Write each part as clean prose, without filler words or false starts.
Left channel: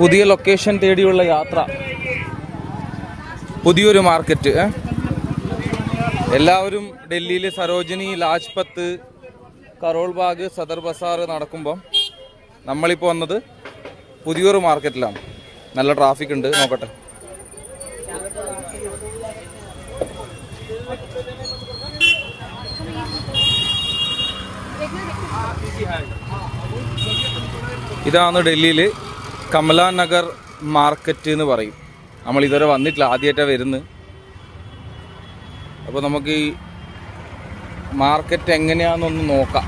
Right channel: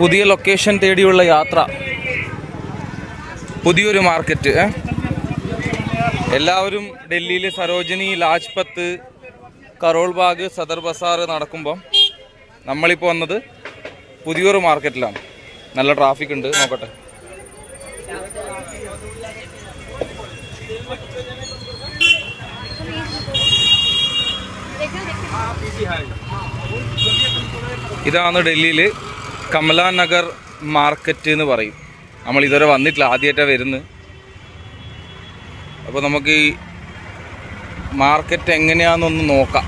പുതിയ ലൊക്കേഷൻ തേടിയുള്ള യാത്ര, പുതിയൊരു മാർക്കറ്റ്. എല്ലാവരും ഡൽഹിയിൽ സരോജിനി, ലാജ്പത്ത്, കരോൾ ബാഗ്, സദർ ബസാർ നടക്കുമ്പം നമ്മളിപ്പോൾ വന്നത് പുതിയൊരു മാർക്കറ്റിലാണ്. നല്ല ട്രാഫിക് ഉണ്ട്, നോക്കട്ടെ. ഇതാണ് ഡൽഹിയിൽ കമല നഗർ മാർക്കറ്റ് എന്ന് പറയും. നമ്മൾ ഇതുവരെ വന്നിട്ടില്ല, ആദ്യമായിട്ടാണ് വരുന്നത്. അപ്പോൾ നമുക്ക് ഈ മാർക്കറ്റ് എങ്ങനെയാണെന്നൊന്ന് നോക്കാം.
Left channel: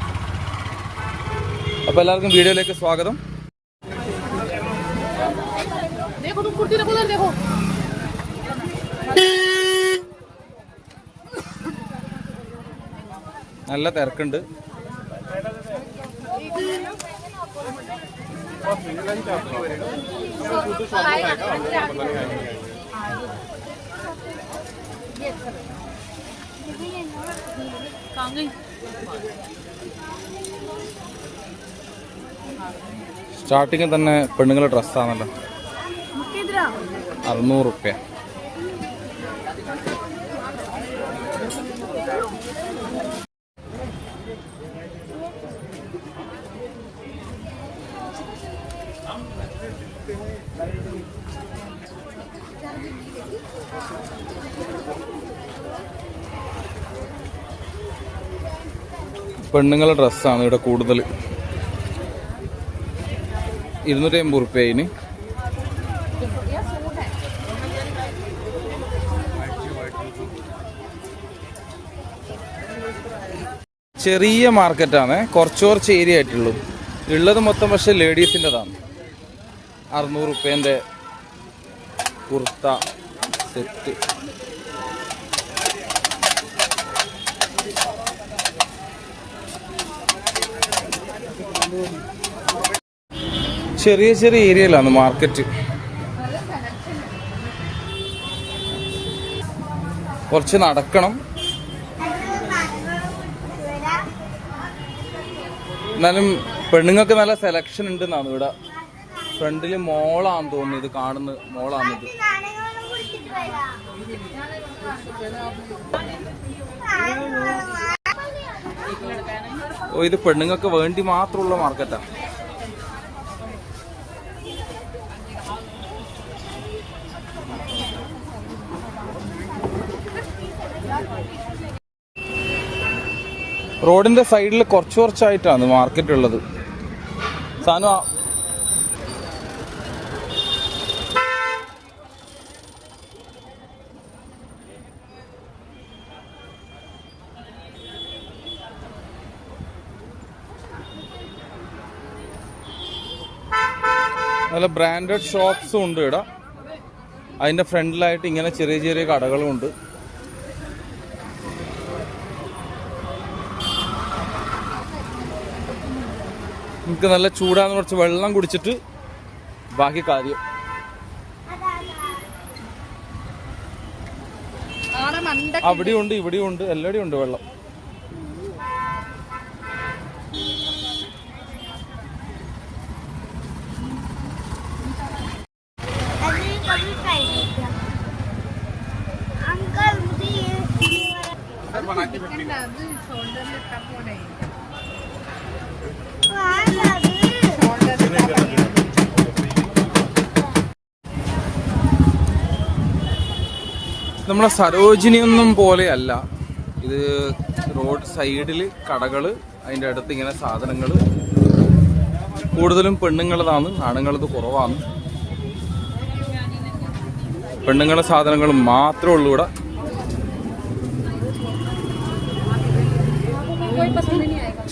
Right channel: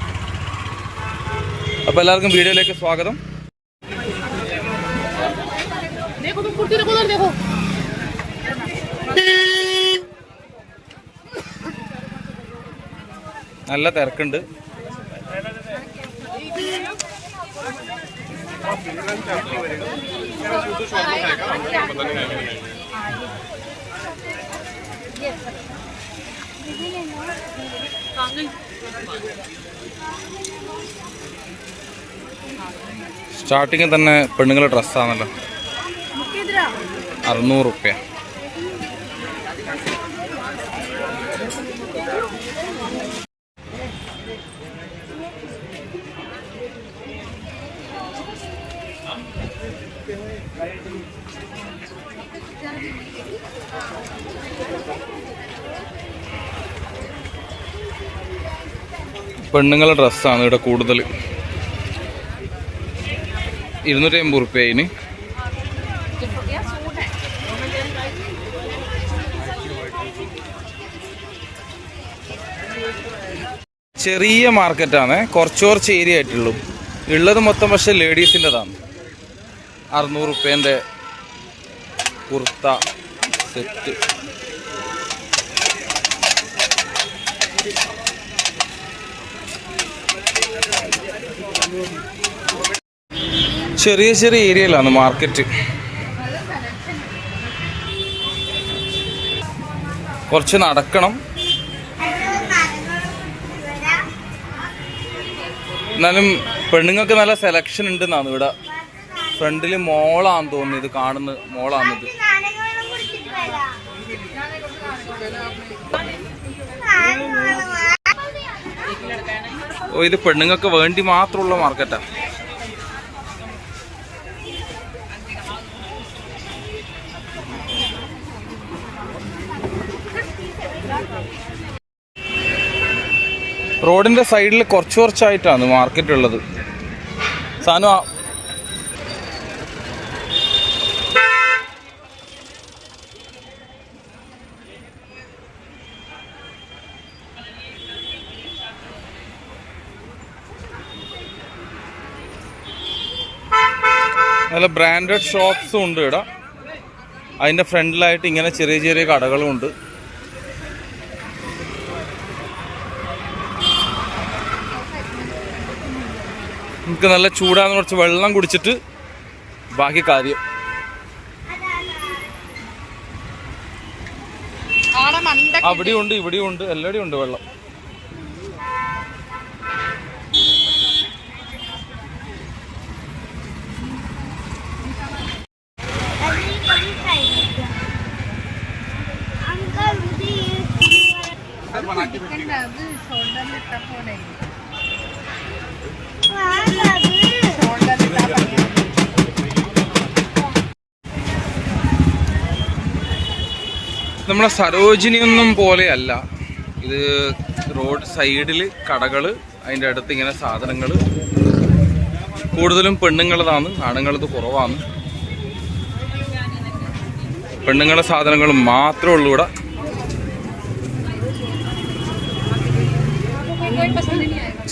അപ്പോൾ എല്ലാവർക്കും വീഡിയോയിലേക്ക് സ്വാഗതം. നല്ല തിരക്കുണ്ട്. സ്റ്റാർട്ടിങ് തന്നെ പെണ്ണുങ്ങളുടെ ഡ്രസ്സാണല്ലോ, 600 റുപ്യ. പെണ്ണുങ്ങളുടെ ഡ്രസ്സാണ് ഇവിടെ കൂടുതൽ. 250 റുപ്യ അതിന്. ചെറിയ മാർക്കറ്റാണ്, കുറച്ച് ഏരിയ ആയിട്ടുള്ളൂ. ഉള്ളത് മൊത്തം പക്ഷെ ലേഡീസിൻ്റെതാണ്. 600 റുപ്യേൻ്റെ കുർത്ത സെറ്റ്. ചെറിയ ചെറിയ ഏരിയയിലാണ് മാർക്കറ്റ്. കുറച്ച് നടക്കണം, എന്നാലും പെണ്ണുങ്ങൾക്ക് നല്ല സെലക്ഷൻ ഉണ്ടെന്നാണ് ഇവിടെ. ഫ്രണ്ടിൽ മോളാന്ന് തോന്നുന്നു, ഇത് കാണുന്ന മോളാണിത്. ഓ, ഇത് പെണ്ണുങ്ങൾക്ക് വേണ്ടി മാത്രമുള്ള മാർക്കറ്റാ. റോഡിന്റെ സൈഡിൽ കുറച്ചായിട്ടാണ് മാർക്കറ്റ് ഉള്ളത്. സാധനം നല്ല ബ്രാൻഡഡ് ഷോപ്സും ഉണ്ട് ഇവിടെ. അതിൻ്റെ ഫ്രണ്ടിലായിട്ട് ഇങ്ങനെ ചെറിയ ചെറിയ കടകളും ഉണ്ട്. നമുക്ക് നല്ല ചൂടാന്ന്, കുറച്ച് വെള്ളം കുടിച്ചിട്ട് ബാക്കി കാര്യം. അവിടെയും ഉണ്ട്, ഇവിടെയും ഉണ്ട്, എല്ലായിടെയും ഉണ്ട് വെള്ളം. നമ്മളെ സരോജിനിയൊന്നും പോലെയല്ല ഇത്. റോഡ് സൈഡിൽ കടകൾ, അതിൻ്റെ അടുത്ത് ഇങ്ങനെ സാധനങ്ങൾ. കൂടുതലും പെണ്ണുങ്ങളതാണ്, ആണുങ്ങളത് കുറവാണ്. പെണ്ണുങ്ങളുടെ സാധനങ്ങൾ മാത്രമേ ഉള്ളൂ ഇവിടെ.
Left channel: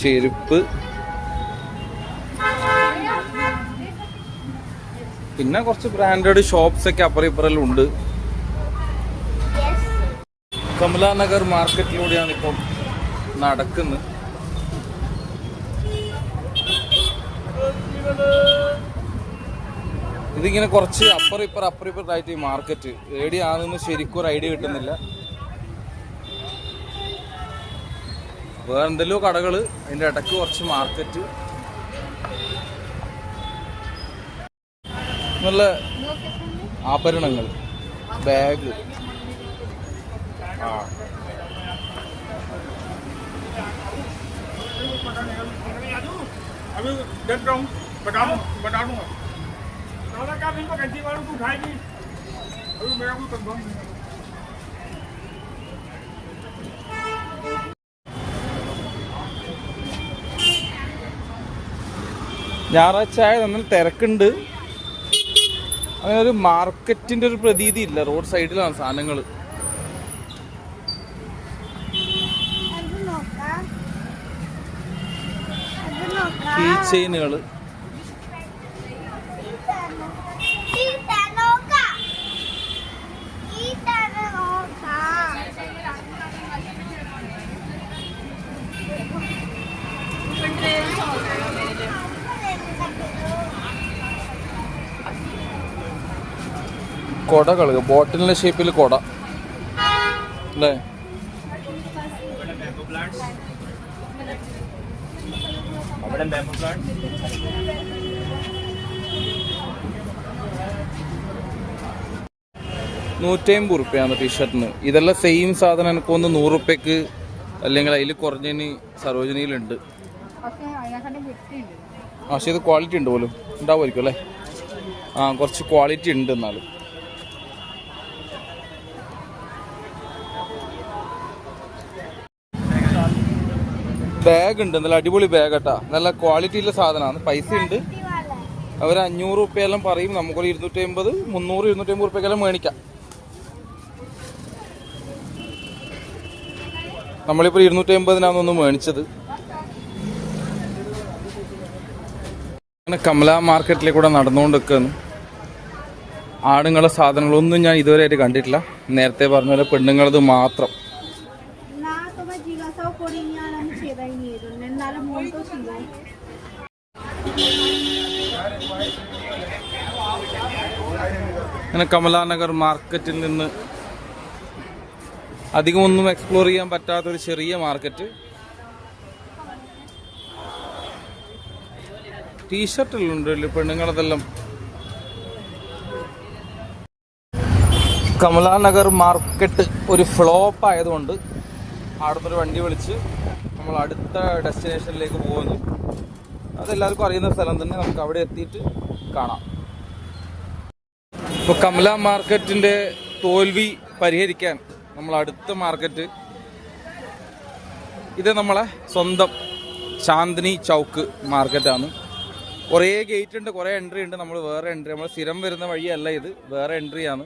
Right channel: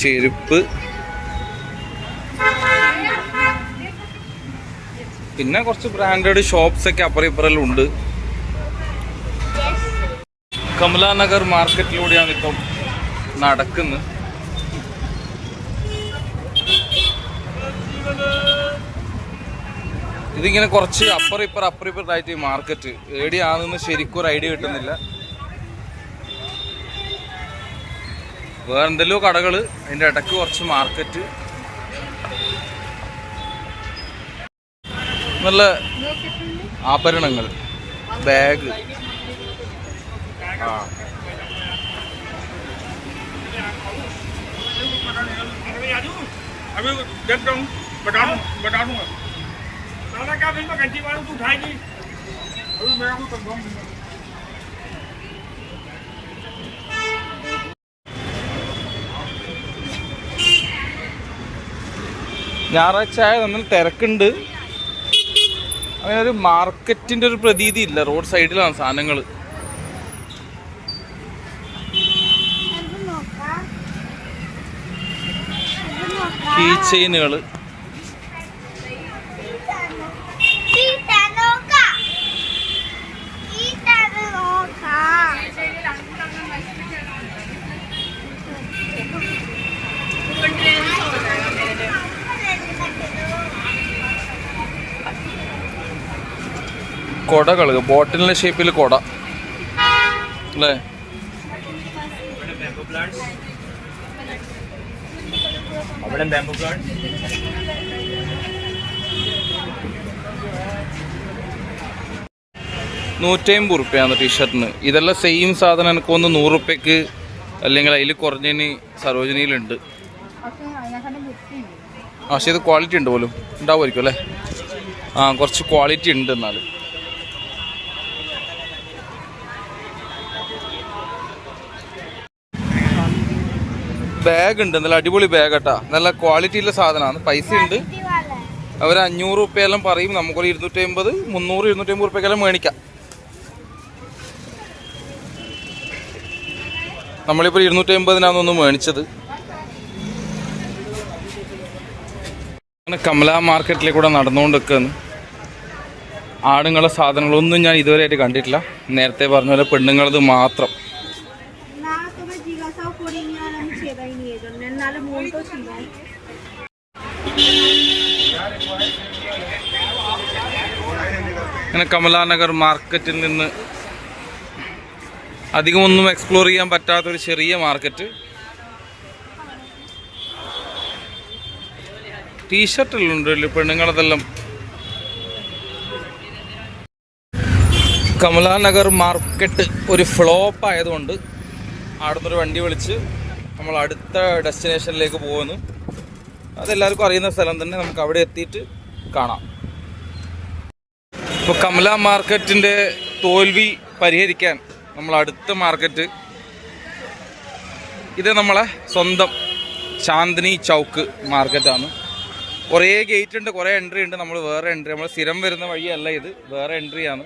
ചെരുപ്പ്, പിന്നെ കുറച്ച് ബ്രാൻഡഡ് ഷോപ്സ് ഒക്കെ അപ്പുറം ഇപ്പുറമെല്ലാം ഉണ്ട്. കമല നഗർ മാർക്കറ്റിലൂടെയാണ് ഇപ്പം നടക്കുന്നത്. ഇതിങ്ങനെ കുറച്ച് അപ്പുറം ഇപ്പുറത്തായിട്ട് ഈ മാർക്കറ്റ് എവിടെയാണെന്ന് ശരിക്കും ഒരു ഐഡിയ കിട്ടുന്നില്ല. വേറെ എന്തെല്ലോ കടകൾ, അതിൻ്റെ ഇടയ്ക്ക് കുറച്ച് മാർക്കറ്റ്. നല്ല ആഭരണങ്ങൾ, ബാഗ്. ഞായറാഴ്ച നല്ല തിരക്കുണ്ട്. അങ്ങനെ ഒരു മാർക്കറ്റിന്റെ ഒരു പ്രതീതി ഇല്ല. റോഡ് സൈഡിലാണ് സാധനങ്ങൾ. കീ ചെയിനുകള്, കൊടകൾ, ബോട്ടിലിന്റെ ഷേപ്പിൽ കൊട അല്ലേ? $150 ടീഷർട്ടിന്. ഇതെല്ലാം സെയിം സാധനം എനിക്ക് ഒന്ന് $100 അല്ലെങ്കിൽ അതിൽ കുറഞ്ഞതിന് സരോജിനിയിലുണ്ട്. പക്ഷേ ഇത് ക്വാളിറ്റി ഉണ്ട് പോലും, ഉണ്ടാവുമായിരിക്കും അല്ലേ? കുറച്ച് ക്വാളിറ്റി ഉണ്ട്. എന്നാൽ ബാഗ് ഉണ്ട്, നല്ല അടിപൊളി ബാഗ് കേട്ടാ. നല്ല ക്വാളിറ്റിയുള്ള സാധനമാണ്. പൈസ ഉണ്ട്. അവർ $500 പറയും. നമുക്കൊരു 250, 300, 250 മേടിക്കാം. നമ്മളിപ്പോൾ 250 മേടിച്ചത്. അങ്ങനെ കമല മാർക്കറ്റിലെ കൂടെ നടന്നുകൊണ്ടിരിക്കുകയാണ്. ആണുങ്ങളെ സാധനങ്ങളൊന്നും ഞാൻ ഇതുവരെയായിട്ട് കണ്ടിട്ടില്ല. നേരത്തെ പറഞ്ഞ പോലെ പെണ്ണുങ്ങളത് മാത്രം. അങ്ങനെ കമലാനഗർ മാർക്കറ്റിൽ നിന്ന് അധികമൊന്നും എക്സ്പ്ലോർ ചെയ്യാൻ പറ്റാത്തൊരു ചെറിയ മാർക്കറ്റ്. ടീഷർട്ടുകളുണ്ടല്ലോ പെണ്ണുങ്ങളതെല്ലാം. കമലാനഗർ മാർക്കറ്റ് ഒരു ഫ്ലോപ്പ് ആയതുകൊണ്ട് അവിടെ നിന്നൊരു വണ്ടി വിളിച്ച് നമ്മൾ അടുത്ത ഡെസ്റ്റിനേഷനിലേക്ക് പോകുന്നു. അതെല്ലാവർക്കും അറിയുന്ന സ്ഥലം തന്നെ. നമുക്ക് അവിടെ എത്തിയിട്ട് കാണാം. ഇപ്പോൾ കമല മാർക്കറ്റിൻ്റെ തോൽവി പരിഹരിക്കാൻ നമ്മൾ അടുത്ത മാർക്കറ്റ് ഇത് നമ്മളെ സ്വന്തം ചാന്ദിനി ചൗക്ക് മാർക്കറ്റാണ്. കുറേ ഗേറ്റ് ഉണ്ട്, കുറേ എൻട്രി ഉണ്ട്. നമ്മൾ വേറെ എൻട്രി, നമ്മൾ സ്ഥിരം വരുന്ന വഴിയല്ല ഇത്, വേറെ എൻട്രിയാണ്.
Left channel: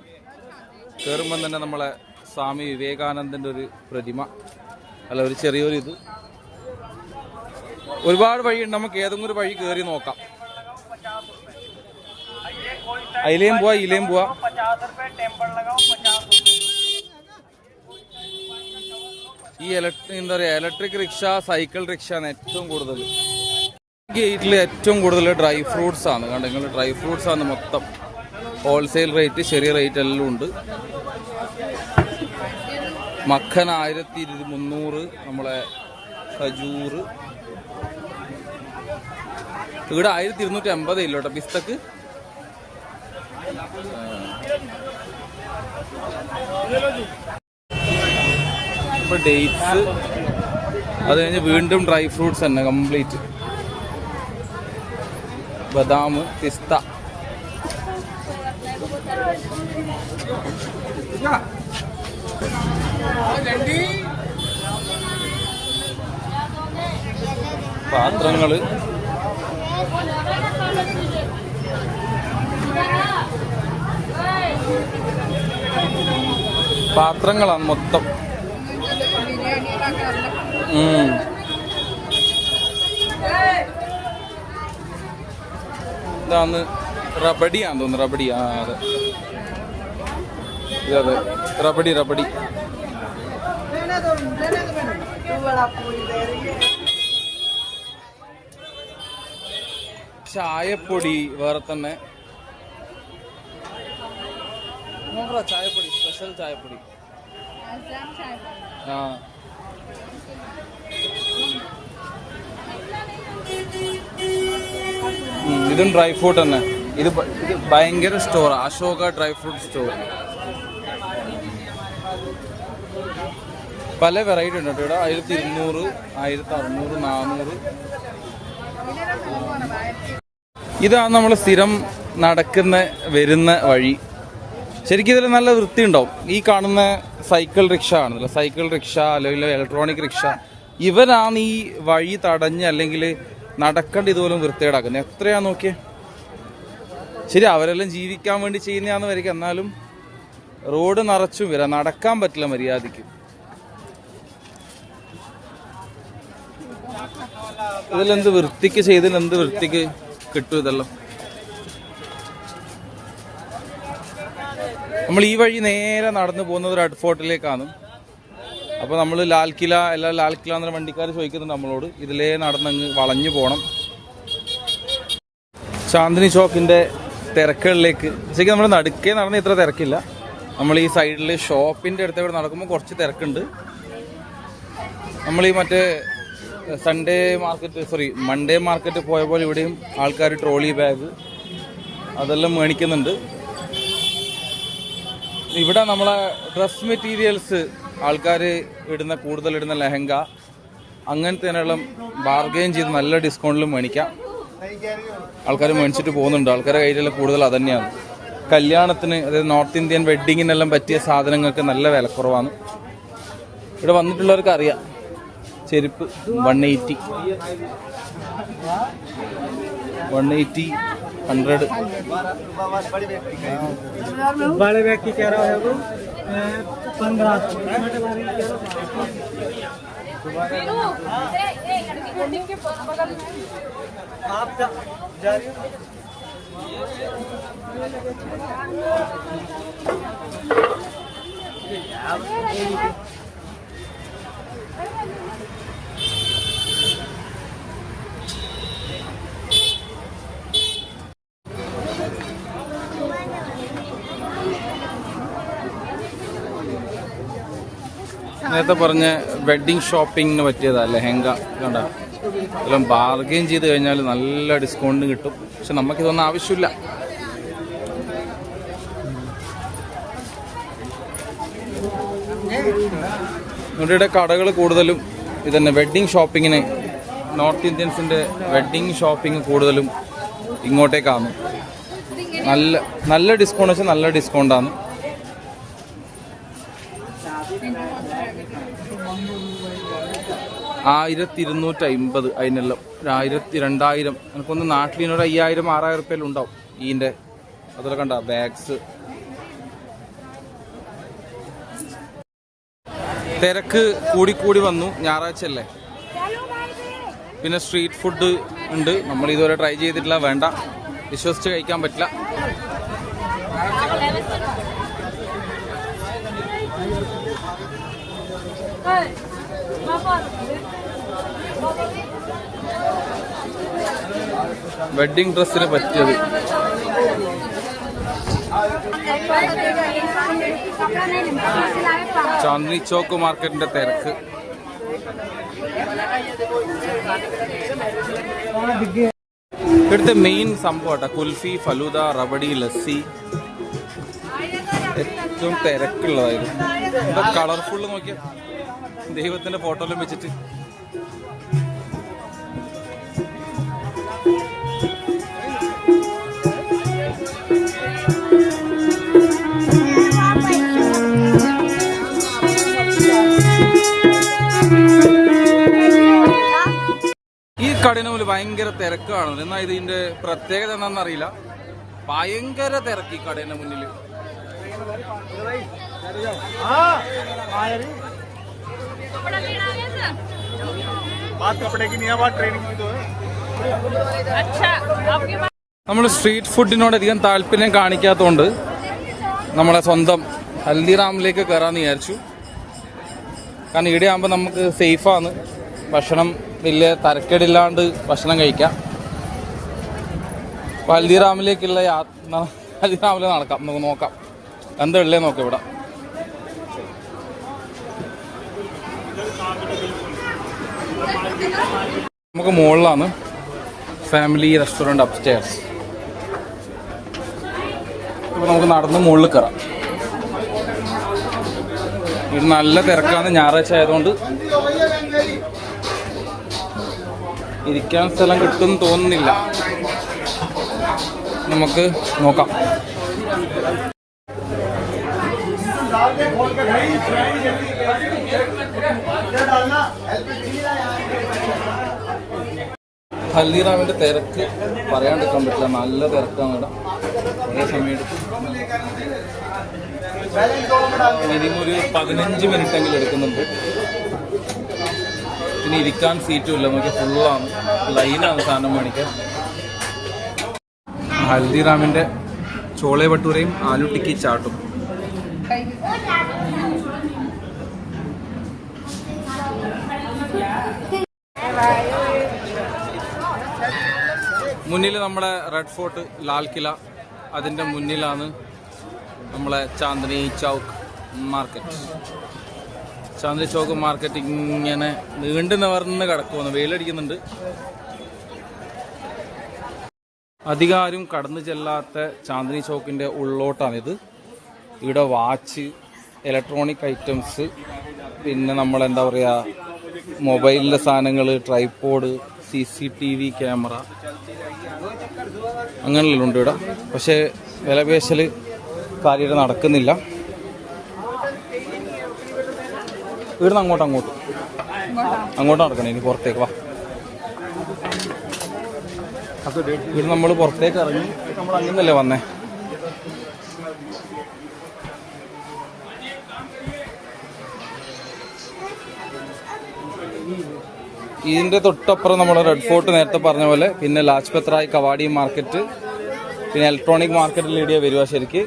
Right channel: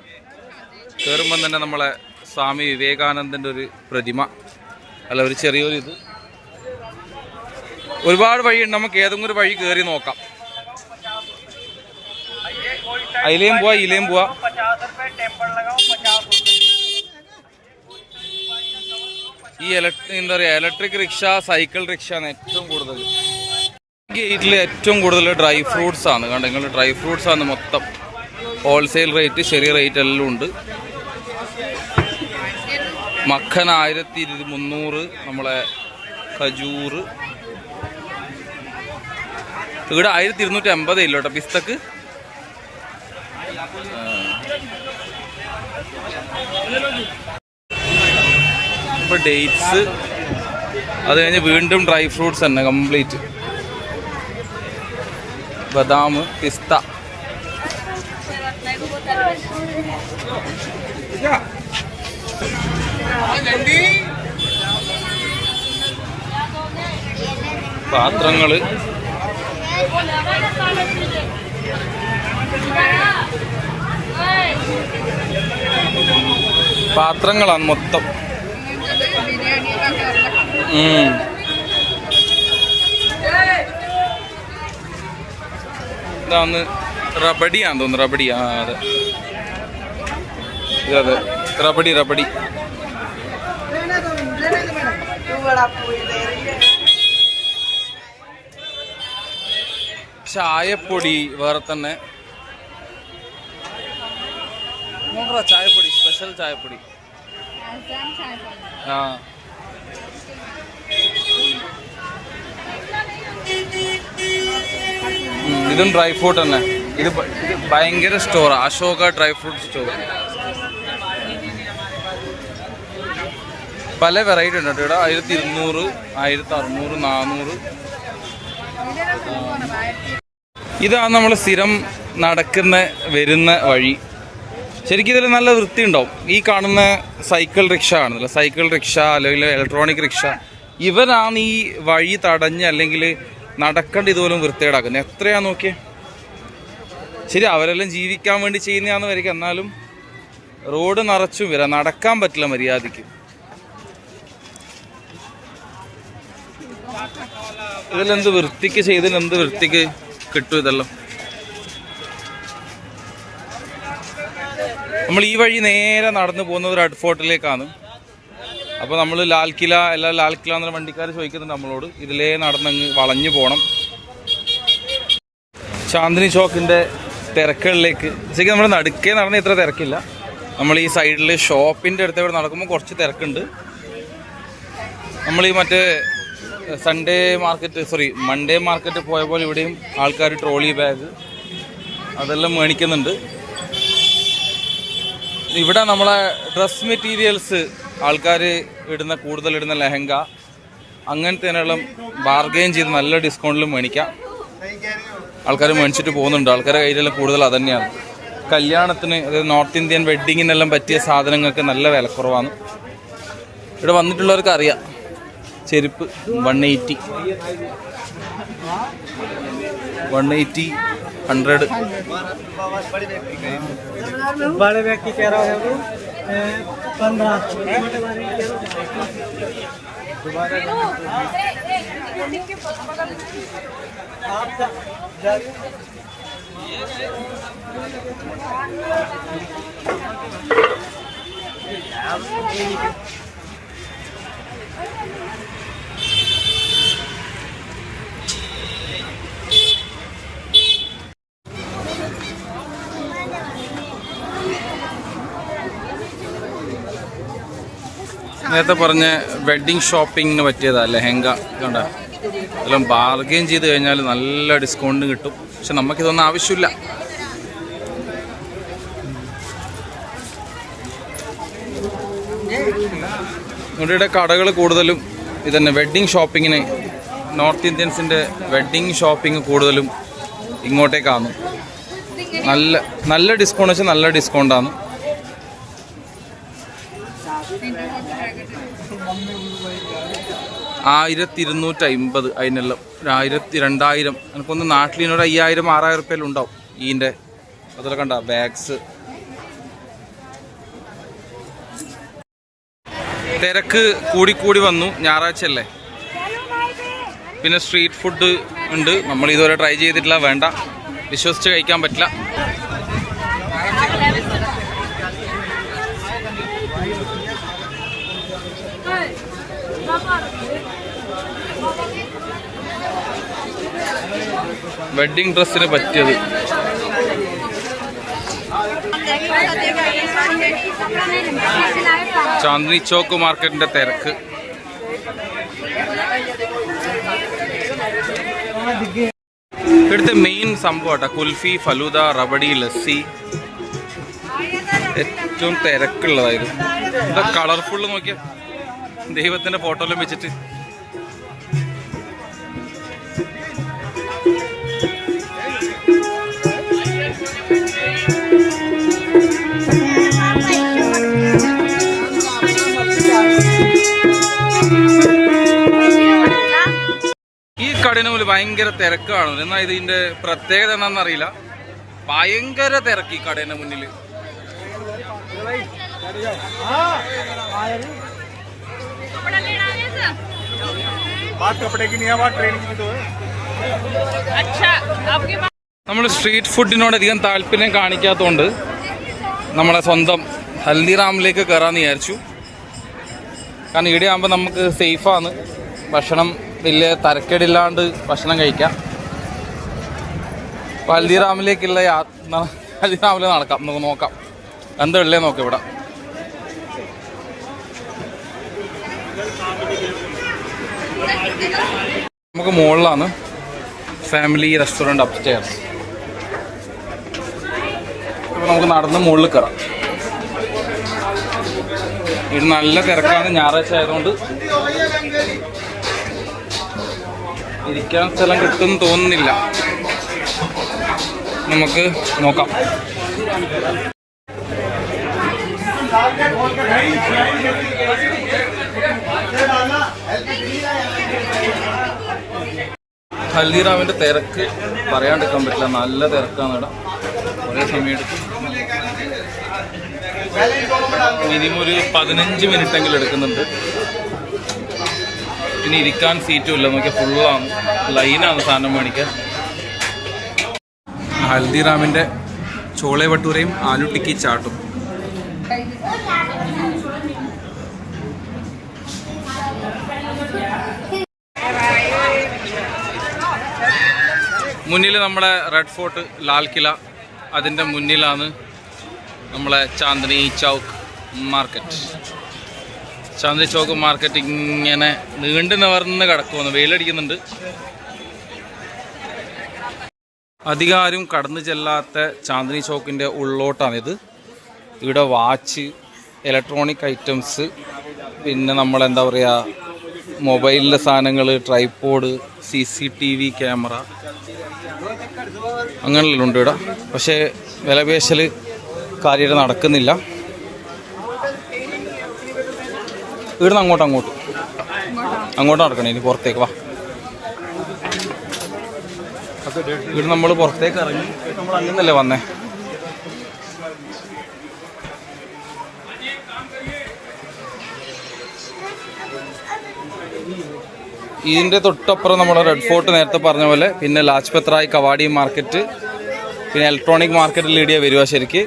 കയറുമ്പം തന്നെ നമ്മളെ സ്വാമി വിവേകാനന്ദൻ്റെ ഒരു പ്രതിമ, അല്ല ഒരു ചെറിയൊരു ഇത്. ഒരുപാട് വഴിയുണ്ട്. നമുക്ക് ഏതെങ്കിലും ഒരു വഴി കയറി നോക്കാം. അതിലേയും പോവാ, ഇതിലേയും പോവാ. ഈ എന്താ പറയുക, ഇലക്ട്രിക് റിക്ഷ, സൈക്കിൾ റിക്ഷ ആണ് ഏറ്റവും കൂടുതൽ. ഗേറ്റിൽ ഏറ്റവും കൂടുതൽ ഡ്രൈ ഫ്രൂട്ട്സ് ആണ്. കണ്ടോ നിങ്ങൾ, ഡ്രൈ ഫ്രൂട്ട്സ് ആണ് മൊത്തം. ഹോൾസെയിൽ റേറ്റ്, ചെറിയ റേറ്റ് എല്ലാം ഉണ്ട്. മഖൻ 1300, നമ്മളെ ഖജൂർ ഇവിടെ 1250 ഇല്ല കേട്ടോ പിസ്തക്ക്. ഇപ്പൊ ഡേറ്റ്സ്, അത് കഴിഞ്ഞ് വീണ്ടും ഡ്രൈ ഫ്രൂട്ട്സ് തന്നെ കംപ്ലീറ്റ്. ബദാം, പിസ്ത. പാത്രങ്ങള്, പാത്രങ്ങളാണ് മൊത്തം. ഇതാന്ന് റബഡിയാന്ന് തോന്നുന്നു. റബഡി, അതെ അതെ, റബഡി. ചായപ്പൊടി വേറെ തന്നെ. നോക്കറ ചായപ്പൊടി, സ്പെഷ്യൽ ചായപ്പൊടി. ഇതും ഡ്രൈ ഫ്രൂട്ട് തന്നെ. ഇത് ഭയങ്കര store, Ashoka dry fruit store. പല വെറൈറ്റി ഉണ്ട് കേട്ടോ ഇവിടെ. 1200, 1600, 400. ഇതാണ് നമ്മൾ സ്ഥിരം നടക്കുന്ന വരുന്ന വഴി. ശരിക്കും ഇതിൽ നല്ല വൃത്തി ഉണ്ടാവും. ഈ കാണുന്ന സൈക്കിൾ റിക്ഷ ആണെന്നില്ല, സൈക്കിൾ റിക്ഷ അല്ലെങ്കിൽ ഇലക്ട്രോണിക് റിക്ഷ, ഇവരാണ് ഈ വഴി തടഞ്ഞ് അല്ലെങ്കിൽ നടക്കേണ്ട ഇതുപോലും വൃത്തികേടാക്കുന്നത്. എത്രയാ നോക്കിയേ. ശരി, അവരെല്ലാം ജീവിക്കാൻ വേണ്ടി ചെയ്യുന്നതാണെന്ന് വരിക, എന്നാലും റോഡ് നിറച്ചും വരാം, നടക്കാൻ പറ്റില്ല മര്യാദയ്ക്ക്. ഇതിലെന്ത് വൃത്തിക്ക് ചെയ്തതിൽ എന്ത് വൃത്തിക്ക് കിട്ടും ഇതെല്ലാം. നമ്മൾ ഈ വഴി നേരെ നടന്നു പോകുന്നത് റെഡ് ഫോർട്ടിലേക്കാണ്. അപ്പോൾ നമ്മൾ ലാൽ കില എന്നുള്ള വണ്ടിക്കാർ ചോദിക്കുന്നുണ്ട് നമ്മളോട്, ഇതിലേ നടന്നങ്ങ് വളഞ്ഞു പോകണം. ചാന്ദിനി ചോക്കിൻ്റെ തിരക്കുകളിലേക്ക് ശരിക്കും നമ്മൾ നടുക്കേ നടന്ന് ഇത്ര തിരക്കില്ല. നമ്മൾ ഈ സൈഡിൽ ഷോപ്പിൻ്റെ അടുത്ത് ഇവിടെ നടക്കുമ്പോൾ കുറച്ച് തിരക്കുണ്ട്. നമ്മൾ ഈ മറ്റേ മൺഡേ മാർക്കറ്റ് പോയ പോലെ ഇവിടെയും ആൾക്കാർ ട്രോളി ബാഗ് അതെല്ലാം മേടിക്കുന്നുണ്ട്. ഇവിടെ നമ്മളെ ഡ്രസ് മെറ്റീരിയൽസ് ആൾക്കാർ കൂടുതൽ ഇടുന്ന ലെഹങ്ക അങ്ങനത്തെ എല്ലാം ബാർഗെയിൻ ചെയ്ത് നല്ല ഡിസ്കൗണ്ടിലും മേടിക്കാം. ആൾക്കാർ മേടിച്ചിട്ട് പോകുന്നുണ്ട്. ആൾക്കാരുടെ കയ്യിലെല്ലാം കൂടുതൽ അതന്നെയാണ്. കല്യാണത്തിന്, അതായത് നോർത്ത് ഇന്ത്യൻ വെഡ്ഡിങ്ങിനെല്ലാം പറ്റിയ സാധനങ്ങൾക്ക് നല്ല വിലക്കുറവാണ്. ഇവിടെ വന്നിട്ടുള്ളവർക്ക് അറിയാം. ചെരുപ്പ് 180, 100. बड़े बैग की कह रहा है 15. നേരത്തെ പറഞ്ഞ വെഡ്ഡിങ് ഷോപ്പിങ്ങിന് പറ്റിയതാ ലെഹങ്ക. കണ്ട എല്ലാം ബാർഗെയിൻ ചെയ്ത് കഴിഞ്ഞാൽ നല്ല ഡിസ്കൗണ്ട് കിട്ടും. പക്ഷെ നമുക്കിതൊന്നും ആവശ്യമില്ല. ഇവിടെ കടകൾ കൂടുതലും ഇതന്നെ വെഡ്ഡിങ് ഷോപ്പിങ്ങിന്, നോർത്ത് ഇന്ത്യൻസിൻ്റെ വെഡ്ഡിങ് ഷോപ്പിംഗ് കൂടുതലും ഇങ്ങോട്ടേക്കാണ്. നല്ല ഡിസ്കൗണ്ട് വെച്ചാൽ നല്ല ഡിസ്കൗണ്ടാണ്. 1250 അതിനെല്ലാം 1000, 2000. എനിക്കൊന്ന് നാട്ടിലിനൊരു 5000, 6000 റുപ്യയെല്ലാം ഉണ്ടാവും ഈൻ്റെ. അതൊക്കെ കണ്ട ബാഗ്സ്. തിരക്ക് കൂടിക്കൂടി വന്നു, ഞായറാഴ്ച അല്ലേ. പിന്നെ സ്ട്രീറ്റ് ഫുഡ് ഉണ്ട്. നമ്മൾ ഇതുവരെ ട്രൈ ചെയ്തിട്ടില്ല, വേണ്ട, വിശ്വസിച്ച് കഴിക്കാൻ പറ്റില്ല. വെഡ്ഡിങ് ഡ്രസ്സിന് പറ്റിയത്. ചാന്ദിനി ചോക്ക് മാർക്കറ്റിന്റെ തിരക്ക്. ഇവിടുത്തെ മെയിൻ സംഭവം കുൽഫി, ഫലൂദ, റബഡി, ലസ്സി ഏറ്റവും തിരക്കുള്ളതായിരുന്നു. എന്താ കളർഫുള്ള് നോക്കിയ ദൈവത്തിന്റെ ഫോട്ടോയിലും വെച്ചിട്ട്. ഈ കടയിന് മുന്നിൽ ഭയങ്കര തിരക്കാണ്. എന്നാൽ ഇതിന്റെ പ്രത്യേകത എന്താണെന്നറിയില്ല, ഭയങ്കര തിരക്ക് ഈ കടയിന് മുന്നിൽ. നമ്മൾ സ്ട്രീറ്റ് ഫുഡിനോട് അധികം താല്പര്യം കാണിക്കാത്തതുകൊണ്ട് നമ്മളെ സ്വന്തം ഹൽദിറാമിലേക്ക് കയറാമെന്ന് വിചാരിച്ചു. കാരണം ഇവിടെ ആകുമ്പോൾ നമുക്ക് സേഫാണ്, ഭക്ഷണം വലിയ തരക്കേടില്ലാണ്ട് ഭക്ഷണം കഴിക്കാം. അപ്പോൾ ഹൽദിറാമിലേക്കുള്ള ഹൽദിറാമിൽ നടക്കാം, നമുക്ക് നോക്കാം എന്തുള്ളേ നോക്കാം. ഇവിടെ നമുക്ക് മുകളിലാണ് ഫാമിലി റെസ്റ്റോറൻറ്റ് അപ്സ്റ്റെയർസ്. അപ്പോൾ നമുക്ക് നടന്ന് മുകളിൽ കയറാം. ഇത് നല്ല തിരക്കാണ്, ഞായറാഴ്ച ആയതുകൊണ്ട് ഇരിക്കാൻ സ്ഥലം കിട്ടുമെന്ന് തോന്നുന്നില്ല. നമുക്ക് നോക്കാം. ഹൽദിറാമിൻ്റെ തിരക്ക് പറയാണ്ടിരിക്കാൻ പറ്റില്ല, നല്ല തിരക്കാണ് ഇവിടെ. കുറേ സമയം എടുക്കും, മിനിമം ഒരു 15 മിനിറ്റെങ്കിലും എടുക്കുന്നുണ്ട്. പിന്നെ ഇരിക്കാൻ സീറ്റും ഇല്ല, നോക്കിയാൽ ഫുള്ളാണ്, ലൈനാണ് സാധനം മേടിക്കാൻ. ഹൽദിറാമിൻ്റെ ചോളെ ഭട്ടൂരയും ആലു ടിക്കി ചാട്ടും. മുന്നിൽ നമ്മുടെ റെഡ് ഫോർട്ട്, ലാൽ കില, അതിൻ്റെ മുന്നിലാണ് നമ്മളെ ചാന്ദിനി ചൗക്ക് മാർക്കറ്റ്. ചാന്ദിനി ചൗക്ക് മാർക്കറ്റ് ഇങ്ങനെ നീണ്ടു നിവർന്ന് കിടക്കുമെന്ന്, വെയിലടിക്കുന്നുണ്ട്. അധികം ആരും കടന്നു ചെല്ലാത്ത ചാന്ദിനി ചൗക്കിൻ്റെ ഉള്ളോട്ടാണിത്. ഇവിടെ വാച്ച്, ഇലക്ട്രോണിക് ഐറ്റംസ്, പിന്നെ നമ്മളെന്താ പറയുക, മൊബൈലിൻ്റെ സാധനങ്ങൾ, ട്രൈപോഡ്, CCTV ക്യാമറ, അങ്ങനെയെല്ലാം ഉണ്ട് ഇവിടെ. പക്ഷേ വിലപേശൽ കാര്യമായിട്ട് നടക്കുന്നില്ല. ഇവിടുന്ന് അങ്ങോട്ട് നടക്കണം. ഇനി പുറത്തേക്ക് വാ. ഇവിടെ നമ്മൾ പുറത്തേക്ക് ഇറങ്ങി, നമ്മൾ അങ്ങനല്ലേ വന്നേ. ഇതിൻ്റെ തൊട്ടപ്പുറം നമ്മുടെ റെഡ് ഫോർട്ട് നേരത്തെ പറഞ്ഞ പോലെ, പിന്നെ ലാജ്പത് റായ് കവാടി മാർക്കറ്റ്, പിന്നെ ഇലക്ട്രോണിക് മാർക്കറ്റിൽ ഇടിയ വരിക ശരിക്ക്.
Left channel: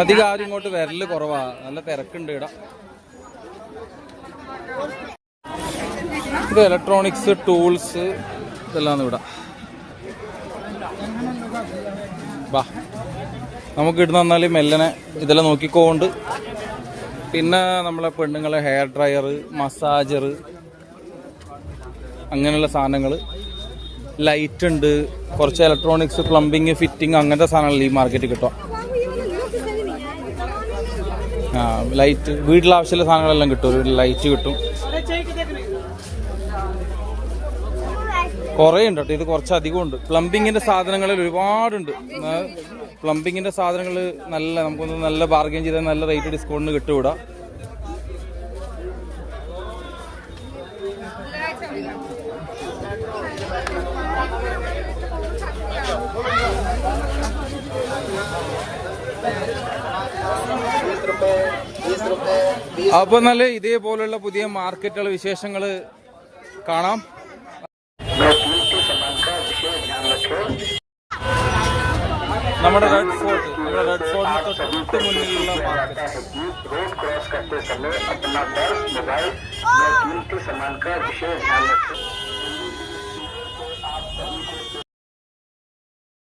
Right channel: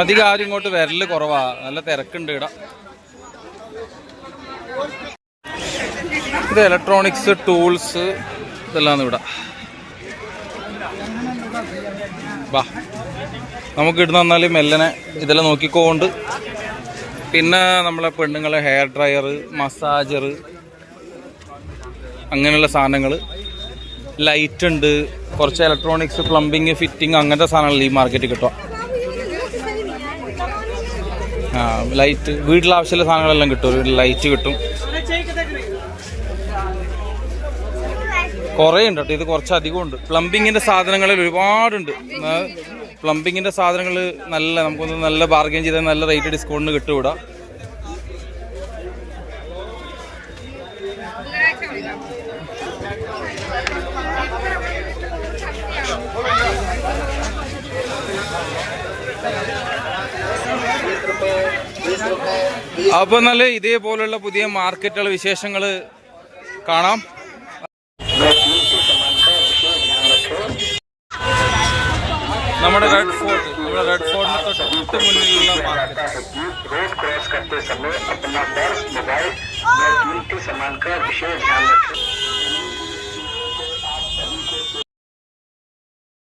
അധികം ആരും ഇങ്ങോട്ട് വരല് കുറവാ, നല്ല തിരക്കുണ്ട് ഇവിടെ. ഇത് ഇലക്ട്രോണിക്സ്, ടൂൾസ് ഇതെല്ലാം ഇവിടെ. വാ, നമുക്ക് ഇടുന്ന വന്നാൽ മെല്ലനെ ഇതെല്ലാം നോക്കിക്കൊണ്ട്. പിന്നെ നമ്മളെ പെണ്ണുങ്ങളെ ഹെയർ ഡ്രയർ, മസാജർ, അങ്ങനെയുള്ള സാധനങ്ങൾ, ലൈറ്റ് ഉണ്ട്, കുറച്ച് ഇലക്ട്രോണിക്സ്, പ്ലംബിങ്, ഫിറ്റിംഗ്, അങ്ങനത്തെ സാധനങ്ങൾ ഈ മാർക്കറ്റിൽ കിട്ടുക. ലൈറ്റ്, വീട്ടിലെ ആവശ്യമുള്ള സാധനങ്ങളെല്ലാം കിട്ടും. ലൈറ്റ് കിട്ടും, കുറേ ഉണ്ട് കേട്ടോ. ഇത് കുറച്ചധികം ഉണ്ട്. പ്ലംബിങ്ങിൻ്റെ സാധനങ്ങളിൽ ഒരുപാടുണ്ട്. പ്ലംബിങ്ങിൻ്റെ സാധനങ്ങൾ നല്ല, നമുക്കൊന്ന് നല്ല ബാർഗെയിൻ ചെയ്താൽ നല്ല റേറ്റ് ഡിസ്കൗണ്ടിന് കിട്ടും ഇവിടെ. അപ്പോൾ നല്ല ഇതേപോലുള്ള പുതിയ മാർക്കറ്റുകൾ, വിശേഷങ്ങൾ കാണാം. നമ്മുടെ റെഡ് ഫോർട്ടിന് തൊട്ട് മുന്നിലുള്ള മാർക്കറ്റ്. रोड क्रॉस करते समय अपना पर्स, मोबाइल या कीमती सामान का विशेष ध्यान रखें.